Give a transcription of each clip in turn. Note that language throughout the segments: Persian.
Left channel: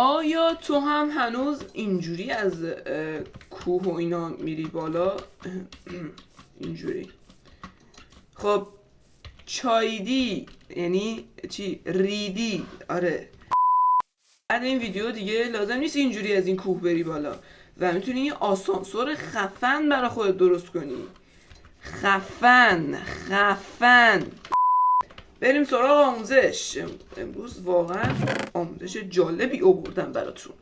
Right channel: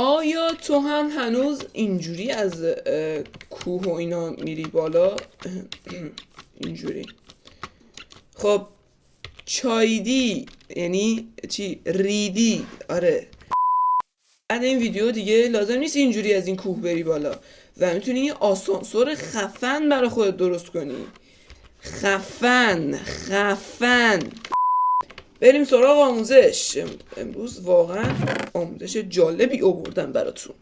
آیا تو هم هنوز اینجوری از کوه و اینا میری بالا؟ اینجوری. خب چایدی یعنی چی؟ ریدی. آره، بعد این ویدیو دیگه لازم نیست اینجوری از این کوه بری بالا و میتونی یه آسانسور خفن برای خودت درست کنی. خفن. بریم سراغ آموزش. امروز واقعا آموزش جالبی آوردم براتون.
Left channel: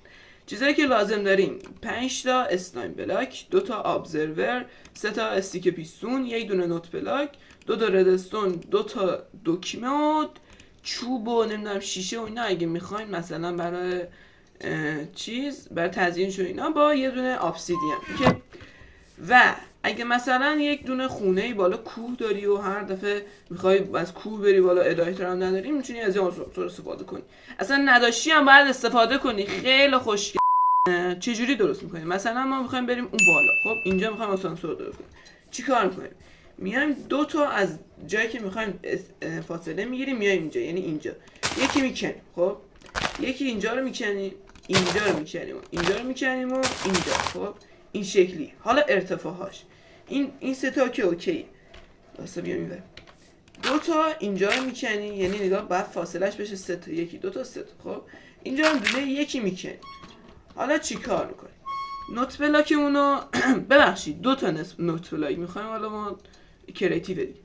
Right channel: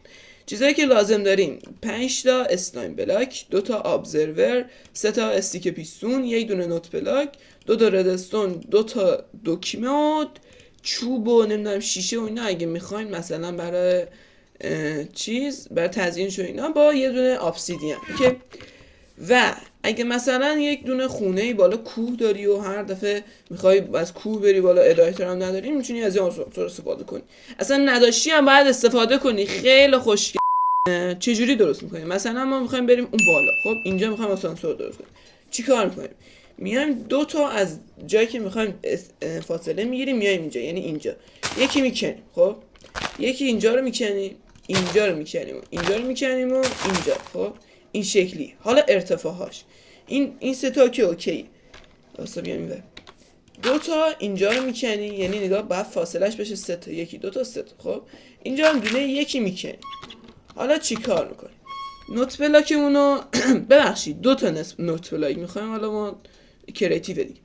چیزایی که لازم داریم: 5 تا اسلایم بلاک، 2 تا ابزرور، 3 تا استیک پیستون، 1 دونه نوت بلاک، 2 تا ردستون، 2 تا دکمه، چوب و نمیدونم شیشه و اینا اگه میخواین مثلا برای برای تزیینش و اینا، با یه دونه ابسیدین که و اگه مثلا یک دونه خونه بالا کوه داری و هر دفعه میخوای از کوه بری بالا ادایتر هم نداری، میتونی از این آسانسور استفاده کنی. اصلا نداشتی هم باید استفاده کنی. خیلی خوشگل. چجوری درست میکنیم؟ مثلا ما میخوایم بریم اون بالا. خب اینجا میخوایم آسانسور درست کنیم. چی کار میکنیم؟ میایم 2 تا از جایی که میخوایم فاصله میگیریم، میایم اینجا، یعنی اینجا یکی میکنیم. خب یکی اینجا رو میکنیم، اینجا رو میکنیم، اینجا رو میکنیم و اینجا. خب این شکلی. حالا ارتفاعهاش این 3 تا که اوکی. واسه بیام اینور 2 تا اینجا رو میکنی، یعنی نگاه بعد فاصلهش بشه 3 تا، 1 2 تا 3 تا. خب اینجا هم دونه یکی میکنی. حالا چی کار میکنی؟ نوت بلاکمون رو ببخشید 2 تا نوت بلاک میخوایم. حالا ما کریتیو دیگه.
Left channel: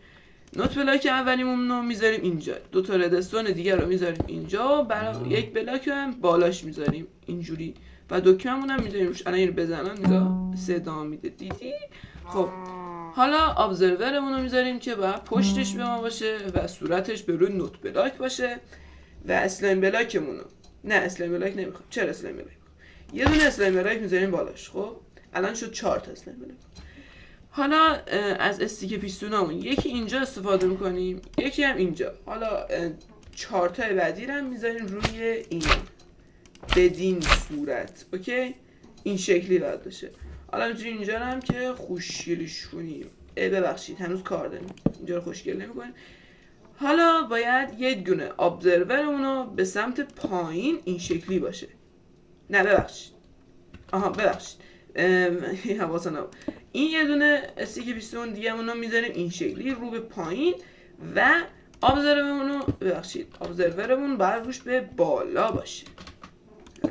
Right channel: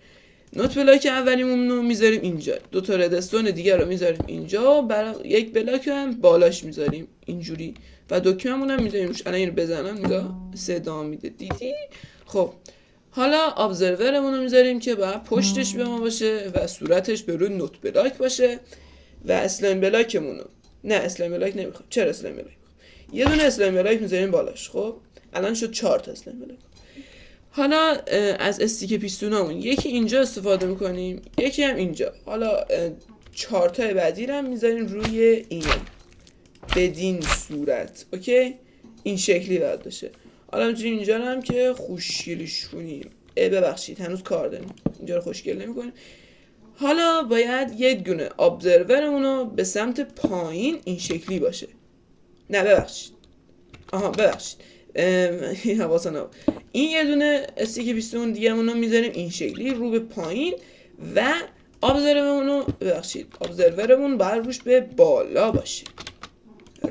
نوت بلاک اولیمون رو میذاریم اینجا، 2 تا ردستون دیگه رو میذاریم اینجا، برای یک بلاک هم بالاش میذاریم اینجوری و دکمه‌مون هم میذاریم روش. الان اینو بزنم نگاه صدا میده، دیدی؟ خب حالا ابزرورمون رو میذاریم که باید پشتش به ما باشه و صورتش به روی نوت بلاک باشه. و اسلایم بلاکمون رو اسلایم بلاک نمیخوام. چرا اسلایم بلاک؟ یه دونه اسلایم بلاک میذاریم بالاش. خب الان شد 4 تا اسلایم بلاک. حالا از استیک پیستونامون یکی اینجا استفاده میکنیم، یکی هم اینجا. حالا 4 تا بعدی رو هم میذاریم روی این بدین صورت. اوکی، این شکلی باید باشه. حالا میتونیم اینجا رو هم که خوشگلش کنیم. ببخشید هنوز کار داریم، اینجا رو خوشگل نمی‌کنیم. حالا باید یک دونه ابزرورمون رو به سمت پایین این شکلی باشه. نه ببخشید، ببخشید حواسم نبود. این یه دونه استیک پیستون دیگه رو میذاریم این شکلی رو به پایین و ابزرورمون باید روش به بالا باشه.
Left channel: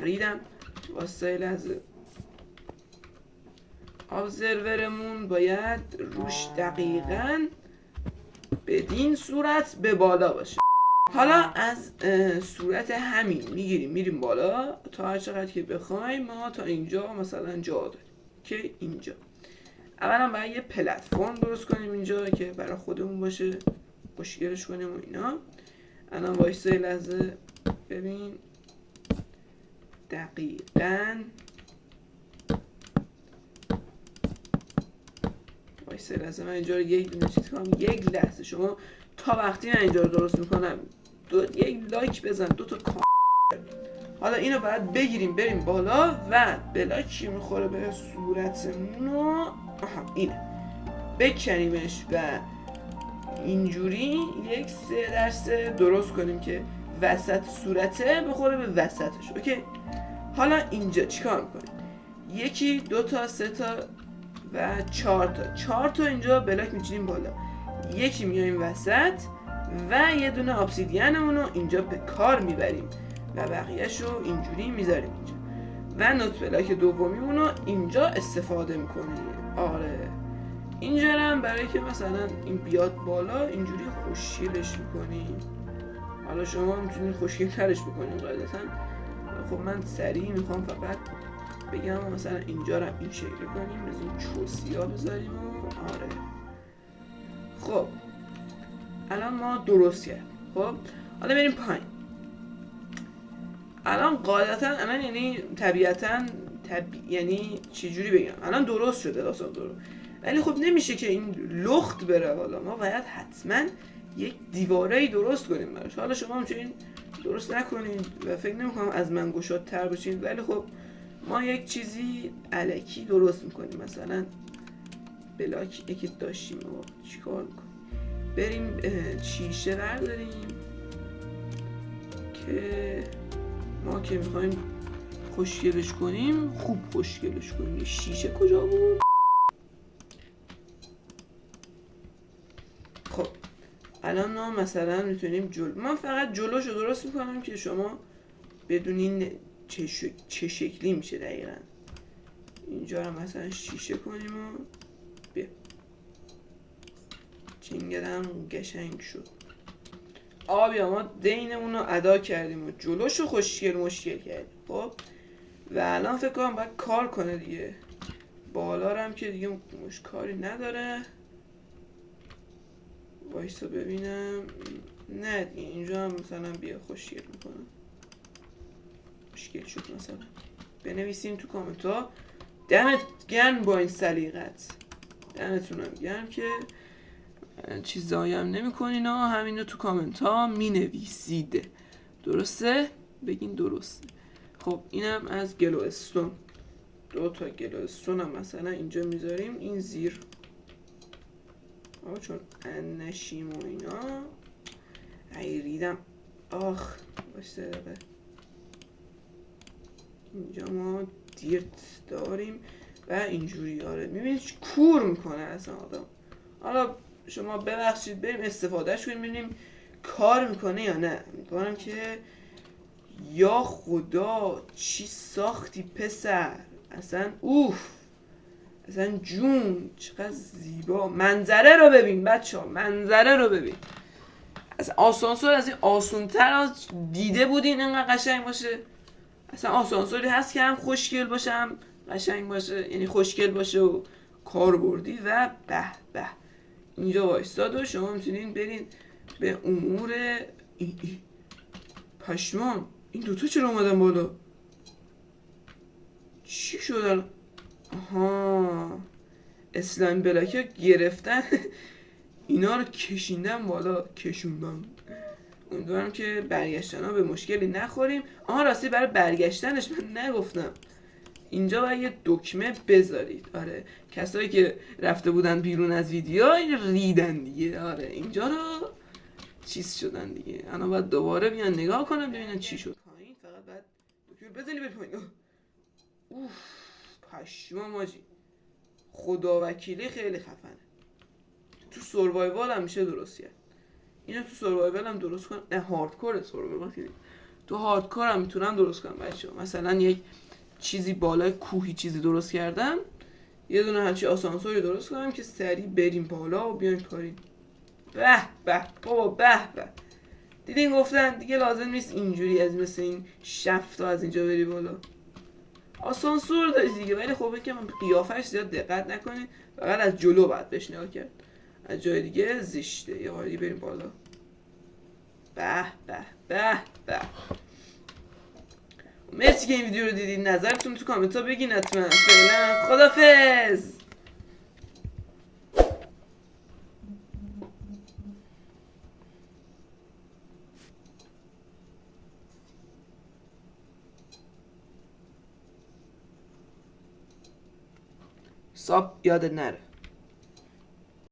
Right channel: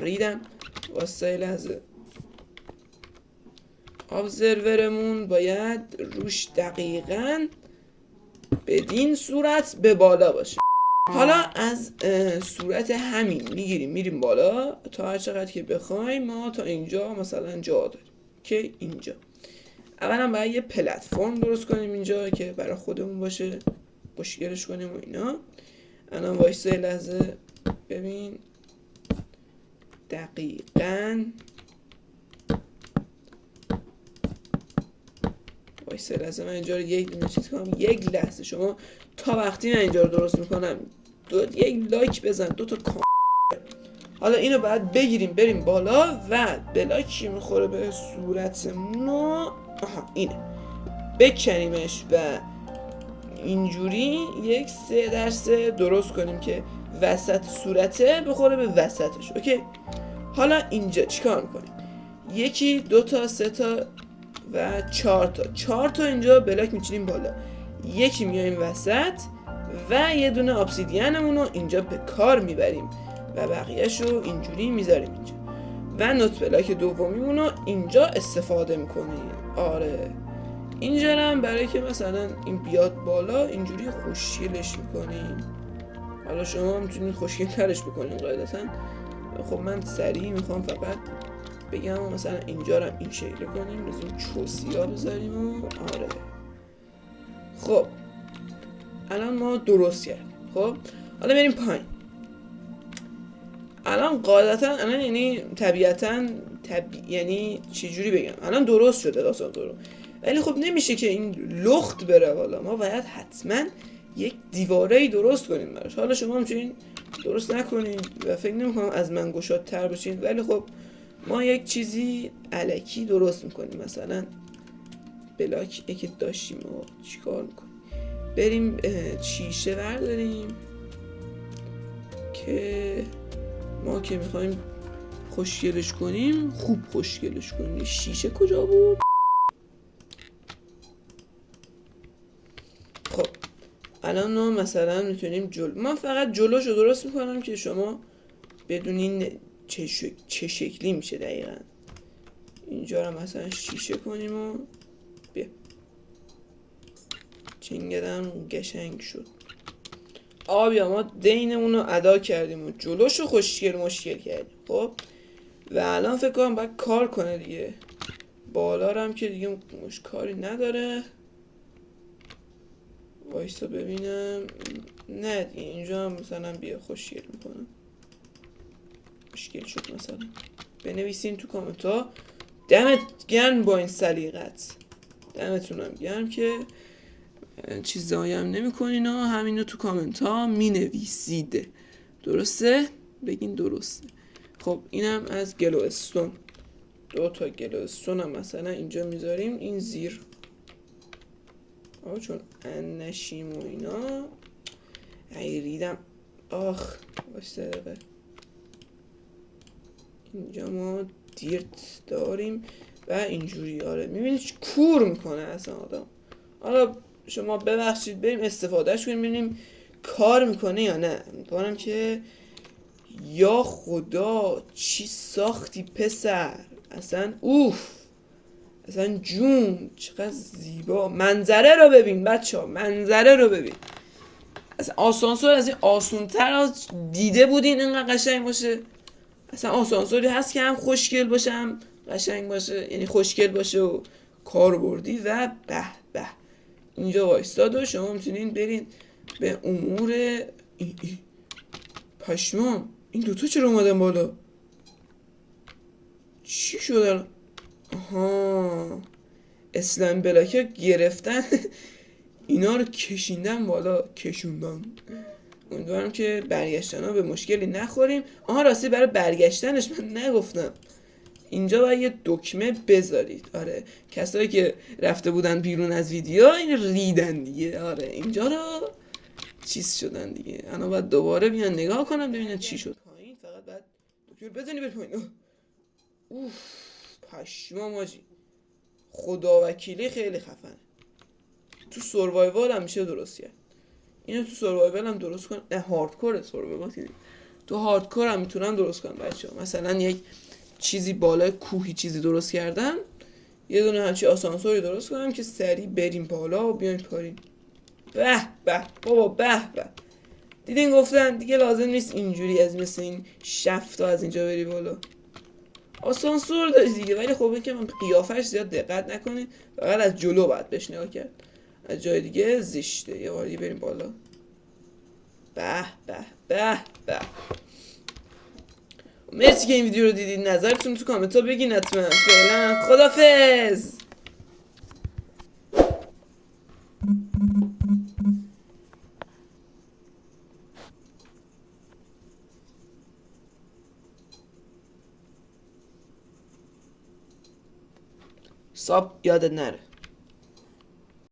ریدم واسه لحظه. ابزرورمون باید روش دقیقاً بدین صورت به بالا باشه. حالا از صورت همین میریم بالا تا هر چقدر که بخوایم. ما تا اینجا مثلا جا داریم که اینجا اولا باید یه پلتفرم درست کنیم اینجا که برای خودمون باشه، خوشگلش کنیم و اینا. الان وایسه لحظه ببین دقیقاً وایسه لحظه من اینجا رو یک لحظه شما تا وقتی من اینجا رو درست میکنم یک لایک بزن، 2 تا حالا اینو باید بگیریم بریم بالا و بلاکی میخوره به صورتمون اینه بکنیمش و اینجوری 1/3 درست کنیم که وسط صورته بخوره به وسطش. اوکی، حالا اینجا چیکار میکنیم؟ 1 2 تا 3 تا و 4 تا اینجا بلاک میچینیم بالا، یکی میایم وسط و یه دونه ابسیدینمون رو اینجا به کار میبریم و بقیه‌شو اینجوری میذاریم اینجا و نوت بلاک دومیمون رو اینجا استفاده میکنیم. آره اینجا هم برای که مثلا این بیاد بالا اینجوری خوشگلش میکنیم. حالا شما میتونید خوشگل‌ترش بکنید قاعدتاً. خب من سریع میخوام فقط بگم مثلا اینجا رو این شکل کنیم، از این چوسیا بذاریم و آره. خب الان ما درست کردیم. خب حالا بریم پایین. الان قاعدتا الان یعنی طبیعتا یعنی چجوری بگم، الان درست شده آسانسور، ولی خب نمیشه که این لخت بره بالا. ما باید حتما یک دیواره‌ای درست کنیم براش. حالا شما میتونین درست نکنید و فکر نمی‌کنم از من گشادتر باشین، ولی خب ما یک چیزی الکی درست میکنیم. مثلا بلاک که داشتیم و چیکار میکنیم؟ بریم شیشه برداریم که ما که میخوایم خوشگلش کنیم، خوب خوشگلش کنیم. شیشه کجا بود؟ خب الان ما مثلا میتونیم من فقط جلوشو درست میکنم که شما بدونین چه شکلی میشه دقیقا. اینجا رو مثلا شیشه کنیم و بیا چینگدم قشنگ شد. بیا ما دینمون رو ادا کردیم و جلوشو خوشگل مشکل کردیم. خب و الان فکر کنم باید کار کنه دیگه. بالا رو هم که دیگه کاری نداره. وایسا ببینم. نه دیگه اینجا هم مثلا بیا خوشگل میکنم. خوشگل شد مثلا. بنویسین تو کامنت ها. دمت گرم با این سلیقت. دمتونم گرم که چیزایی هم نمی کنین ها. همین رو تو کامنت ها می نویسید. درسته؟ بگین درسته. خب اینم از گلوستون. 2 تا گلوستون هم مثلا اینجا میذاریم. این زیر چون نشیم و اینا ریدم. باشته دقیقه. اینجا ما دیرت داریم و اینجوری. میبینید کور میکنه اصلا آدم. حالا شما ببخشید بریم استفادهش کنیم ببینیم کار میکنه یا نه. میکنم که یا خدا چی ساختی پسر. اصلا اصلا جون چقدر زیبا. منظره رو ببین بچه ها. منظره رو ببین. اصلا آسانسور از این آسونتر دیده بودین اینقدر قشنگ باشه. اصلا آسانسوری هست که هم خوشگل باشه هم قشنگ باشه. یعنی خوشگل باشه و کاربردی و به به. اینجا وایستاد و شما میتونین برین به امور پشمان. این دوتا چرا اومدن بالا؟ چی شدن؟ اسلایم بلاک ها گرفتن. اینا رو کشیندن بالا. کشوندن. امیدوارم که برگشتن ها به مشکلی نخوریم. راستی برای برگشتنش من نگفتم اینجا باید یه دکمه بذارید. کسایی که رفته بودن بیرون از ویدیو این ریدن دیگه. اینجا رو چیز شدن دیگه. الان باید دوباره بیان نگاه کنم ببینن چی شد. پایین فقط باید دکمه بزنی بر پایین. پشمام ماجی. خدا وکیلی خیلی خفنه. تو سروایوال هم میشه درست کرد. اینو تو سروایوال هم درست کنم. نه هاردکور سروایوال که تو هاردکور هم میتونم درست کنم بچه‌ها. مثلا یک چیزی بالای کوهی چیزی درست کردم. یه دونه همچی آسانسوری درست کنم که سریع بریم بالا و بیایم پایین. به به بابا به به. دیدین گفتم دیگه لازم نیست اینجوری از مثل این شفتا از اینجا بری بالا. آسانسور داشت دیگه. ولی خب این که من قیافش زیاد دقت نکنید. فقط از جلو باید بهش نگاه کرد. از جای دیگه زشته. یه بار دیگه بریم بالا. به به به به. مرسی که این ویدیو رو دیدید. نظرتون تو کامنت ها بگین حتما. فعلا خدافظ. ساب یادت نره.